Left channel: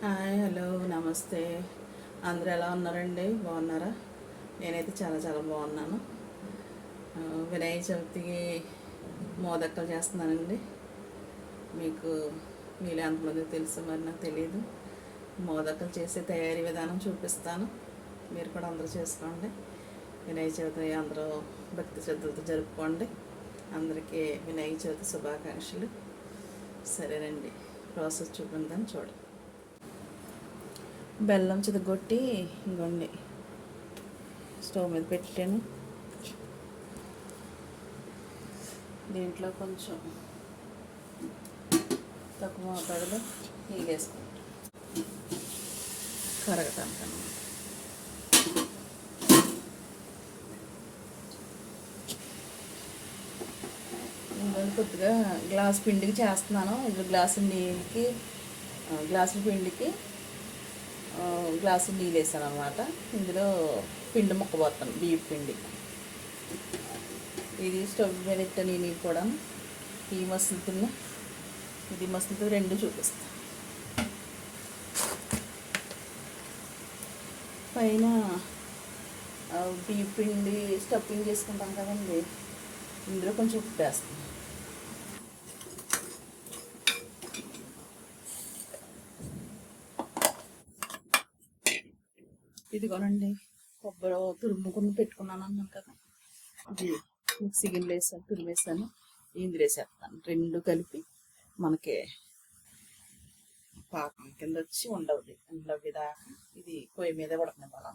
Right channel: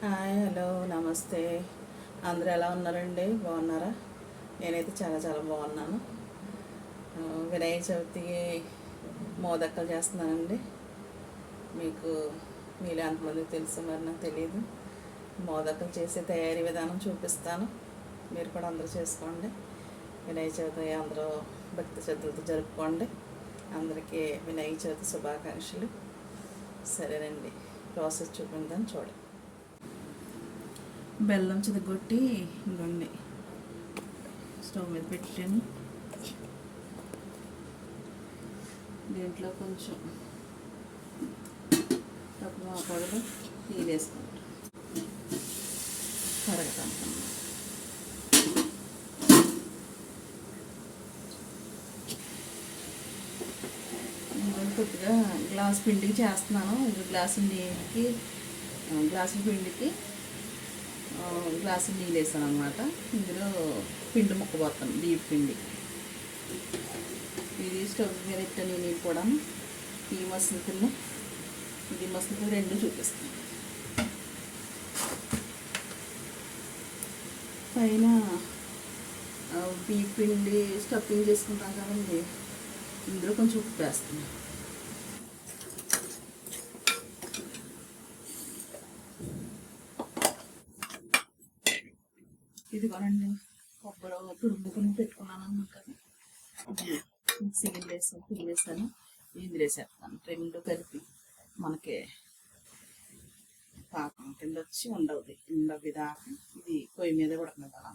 Hi hello నమస్తే. అందరూ ఎలా ఉన్నారండి? బాగున్నారా? నేనైతే చాలా చాలా బాగున్నాను. వినాయక చవితికి మోదక్కలు చేస్తున్నానండి మీకు మీరు ఎంతమంది తెలుసు మరి నాకు తెలియదు మోదక్కలు చేసే తయారీ విధానం చూపిస్తాను. మీరు కూడా అందరూ చేసుకోండి. వినాయక చవితి అందరూ భక్తి శ్రద్ధలతో జరుపుకోండి. అందరికీ వినాయక చవితి శుభాకాంక్షలు. సరేనండి. ప్రాసెస్ చూపిందాం చూడండి. బెల్లం చితగొట్టి ఇంకోండి స్టవ్ మీద పెట్టాను దీంట్లో కొంచెం తక్కువ మోతాదులో నీళ్ళు వేసుకుంటాం. కరగటానికి కొద్దిగా గ్లాస్ పిండికి చేస్తున్నాను. ఇది గ్లాసు నీళ్ళకి గ్లాసు పిండికి గ్లాసు నీళ్ళు వేసాను అనమాట ఇందులో పిండి ముక్క పోతాం బియ్యం పిండి. ఇది స్టవ్ మీద పెట్టాను ఈ నీళ్ళు కూడా ఈ మసలు కింద ఇది మసలు రెండు చూపిస్తాను పైన బియ్యం పిండి స్టఫింగ్ చేసుకుంటాం కదండి ఇందులో కొంచెం ఉప్పు వేస్తాను ఇదిగోనండి కొబ్బరి తురుముకుని పెట్టుకున్నాను అన్నాను కదా. ఇది మిక్సీ గిన్నెలు వేసాను తురిమేసాను ఇందులో వేసేస్తాను. రెండు కలిపి మనకి పాకం కింద వచ్చి ఉండవుది. ఉండవి దాకా ఇది పొయ్యి మీద పడుతుంది అలా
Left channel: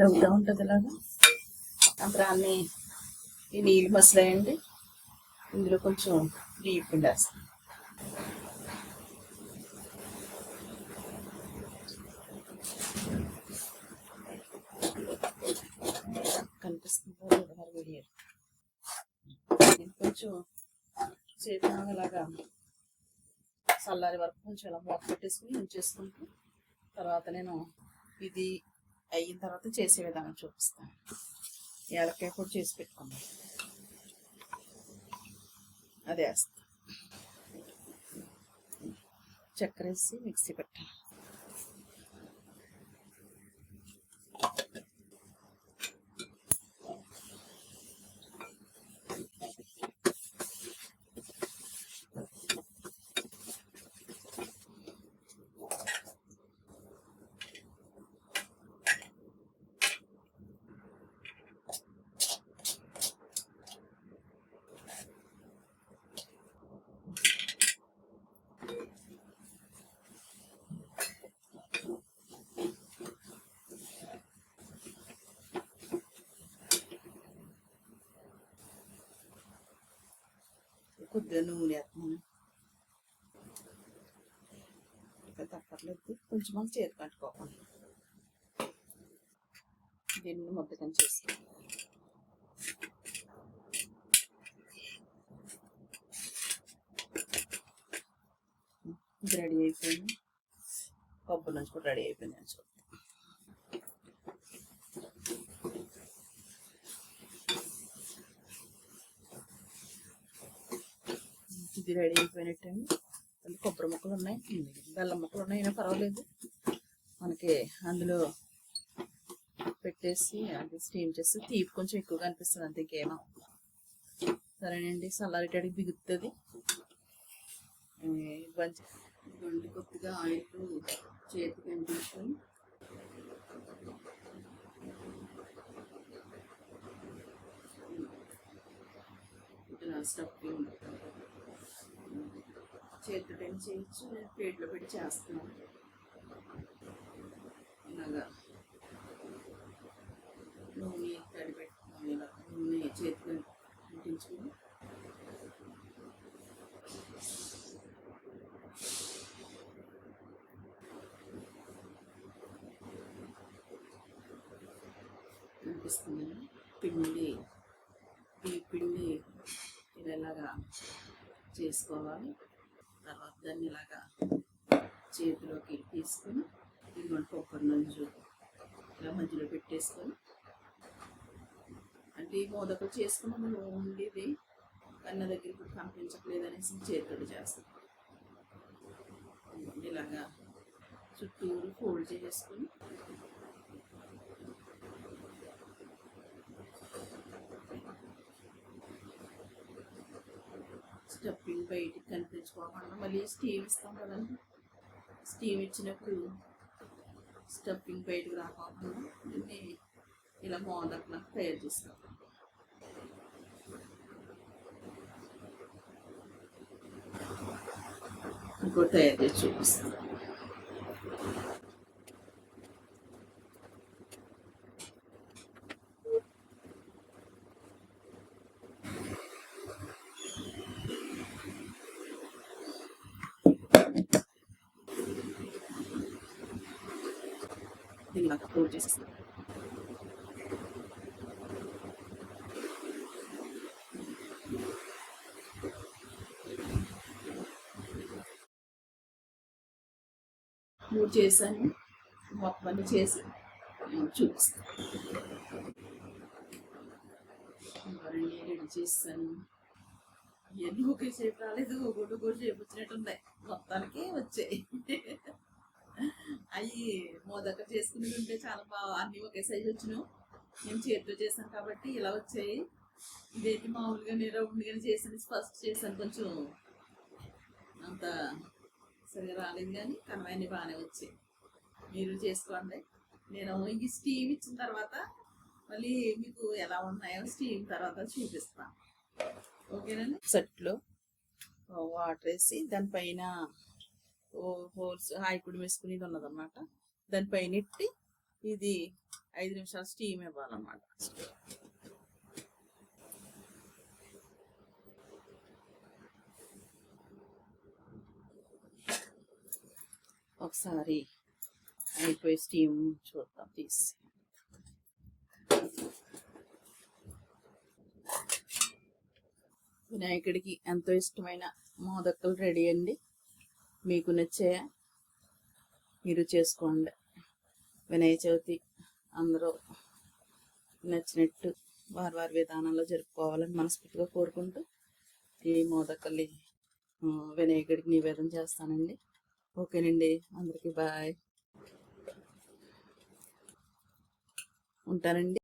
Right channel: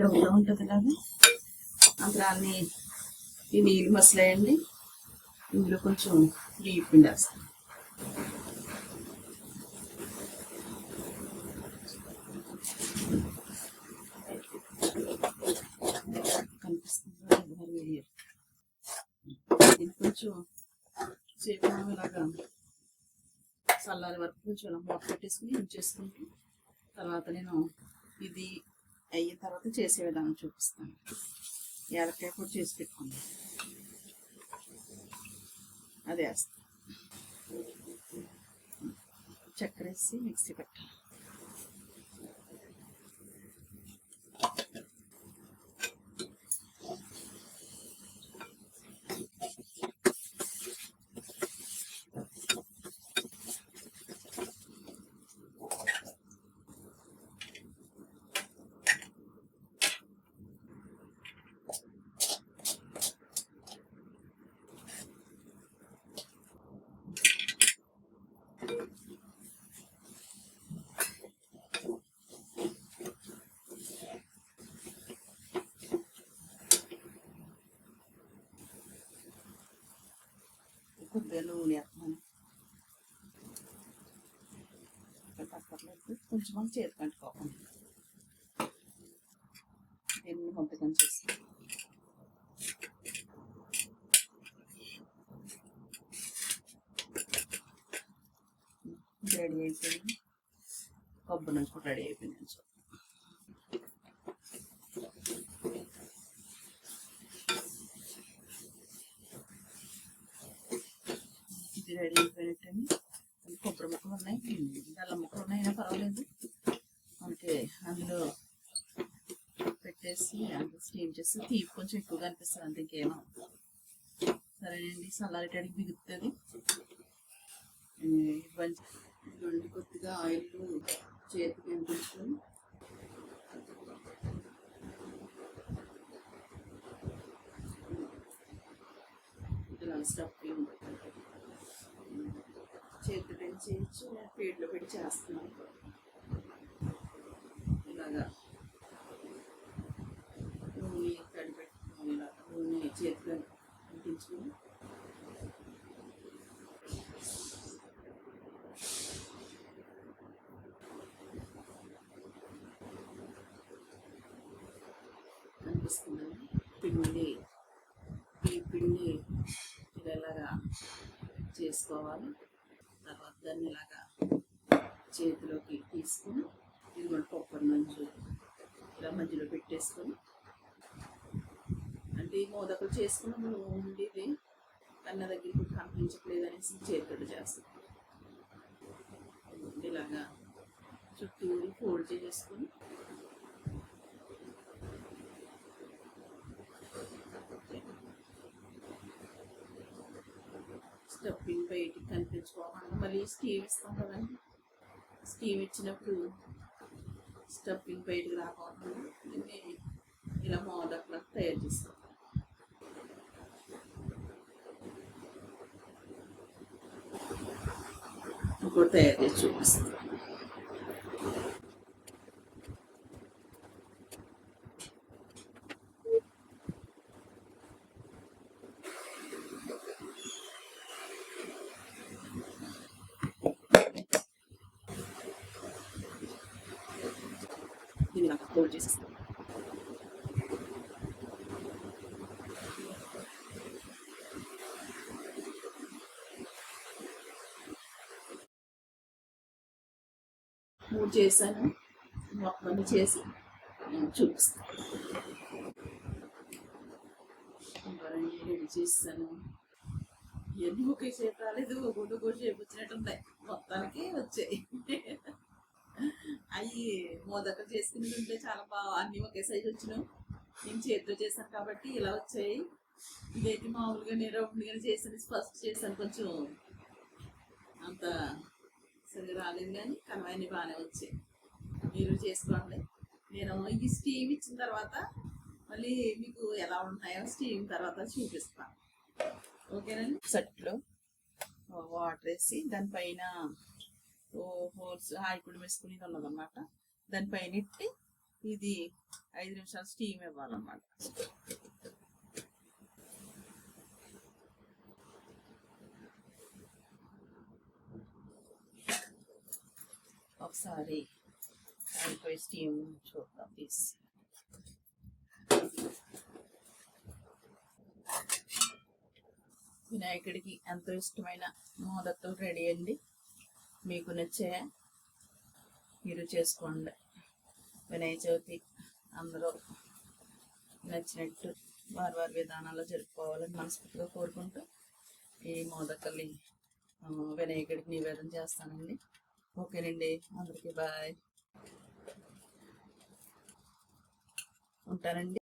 డబ్బుగా ఉంటుంది ఇలాగా అంతా అన్ని ఈ నీళ్ళు మసలేయండి. ఇందులో కొంచెం బియ్యం పిండి వేస్తాం ఇది కొంచెం సేపు ఇలాగా చల్లారి వరకు కొంచెం ఇలా మూత పెట్టేసుకుని ఉంచేసుకుంటూ తర్వాత నేను ఇది అయిన తర్వాత చేసే విధానం చూపిస్తాను. ఏలకాయ కూడా చేసి పెట్టుకుందాం. అదే వేస్తాను చక్కెర వేసి మిక్సీ పెట్టాలి. కొద్దిగా నూనె వేస్తున్నాను తప్పట్లేదు కొంచెం మంది చేతి కంటుకోకండి దీన్ని మొత్తకం చేసి. రెడీ అయిపోయింది. కొబ్బరి నుంచి కూడా రెడీ అయిపోయింది. అని చూద్దాం ఇది రెడీ అయిపోయినట్టు అందులో కొబ్బరి ముక్కలు ఉన్నాయి. బెల్లం ముక్కలు ఉన్నాయి. అయినా పర్వాలేదు. మనకి అందులో పెట్టేసి అది స్టీమ్ చేసి తీపి కొంచెం ఎక్కువగా అనిపిస్తుంది. అంతే ఇంకేమో సరేనండి. చల్లారేటాడికి బిగుతుంది. ఇవ్వండి. కొద్దిగా ఆయిల్ చేతికి అనిపించుకొని ఇట్లా స్టఫింగ్ చేతి పని చేయొచ్చు నేను ప్లేట్లో పెట్టి చేస్తున్నాను. ఇలాగా నూనె తడి పెట్టుకుని ఇలా నూనె చేతిలో అంటించుకుని అనిపిస్తుందని పిండి ఈ పిండి ఇలాగా చేసుకోవాలి. దాన్ని ఇలాగా చేతిలోకి తీసుకొని ఇదిగోండి కొబ్బరి నంజు ఇలా మధ్యలో పెట్టేసుకొని ఏంటి మోదకలు చేసుకున్న మనం ఉండేది కన్న దగ్గర ఇప్పుడు కనిపించట్లేదు అనేసి చేతుడు చేస్తాం. ఇలాగా చుట్టూరు ఫోల్డ్ చేసుకొని స్టఫింగ్ బయటికి కనిపించుకోకుండా మళ్ళీ స్టీవ్ ఇస్తాం కదండి. స్టీమ్ ఇచ్చినప్పుడు స్టఫింగ్ బయటకు రాకుండా దీన్ని ఇలా మోదకులకు తయారు చేస్తాం. ఇంకో తయారు చేసి చూపిస్తాను దీన్ని నాకు అప్లోడ్ చేసేస్తాను మూడు చేశాను మొత్తం అన్ని చేసి చూపిస్తాను రెడీ చేస్తాను ఎందుకు ఒకే షేప్ రాలేదు? గుడ్డు గుడ్డు చేపించినట్టుంది వచ్చినట్టు మొత్తానికి వచ్చాయి. అవి మోదక చేసుకుని ఉంటే చాలా బాగా అన్ని ఒకే సైజు వచ్చినాయి నేను చేతితో చేశాను కాబట్టి ఇలా వచ్చాయి. ఇదైతే మామూలుగా నేను రౌండ్గా చేసాను ఫస్ట్ చేశాను. కొంచెం అంత సరిగా రాలేదు కానీ కనవన్నీ బాగానే వచ్చాయి. మీరు చేసుకోండి. నేను ఈ స్టీమ్ ఇచ్చిన తర్వాత మళ్ళీ మీకు ఎలా ఉన్నాయో స్టీమ్ తర్వాత చూపిస్తాను. ఓకేనండి? సెట్లో వాటర్ వేసి దానిపైన హోల్స్ ఆయికుడు వేసుకునేది ఉన్నదన్నమాట. దానిపైన ఎట్టి ఇది ఐదు నిమిషాలు స్టీమ్ ఇవ్వాలన్నమాట. ఒకసారి అయిపోయి స్టీమ్ చూద్దాం తీసి. వినాయకుడికి ఎంతో ఇష్టమైన మోదక్కలు రెడీ అండి. మీకు నచ్చే మీరు చేసుకోండి. వినాయక చవితి అందరూ నచ్చినట్టు వారి వారి విధానాల్లో జరుపుకోవాలని మనస్ఫూర్తిగా కోరుకుంటూ ఈ మోదకల్లి వినాయకుడికి నివేదన చేస్తానండి. ఓకేనండి. అందరికీ బాయ్. ఉంటానండి.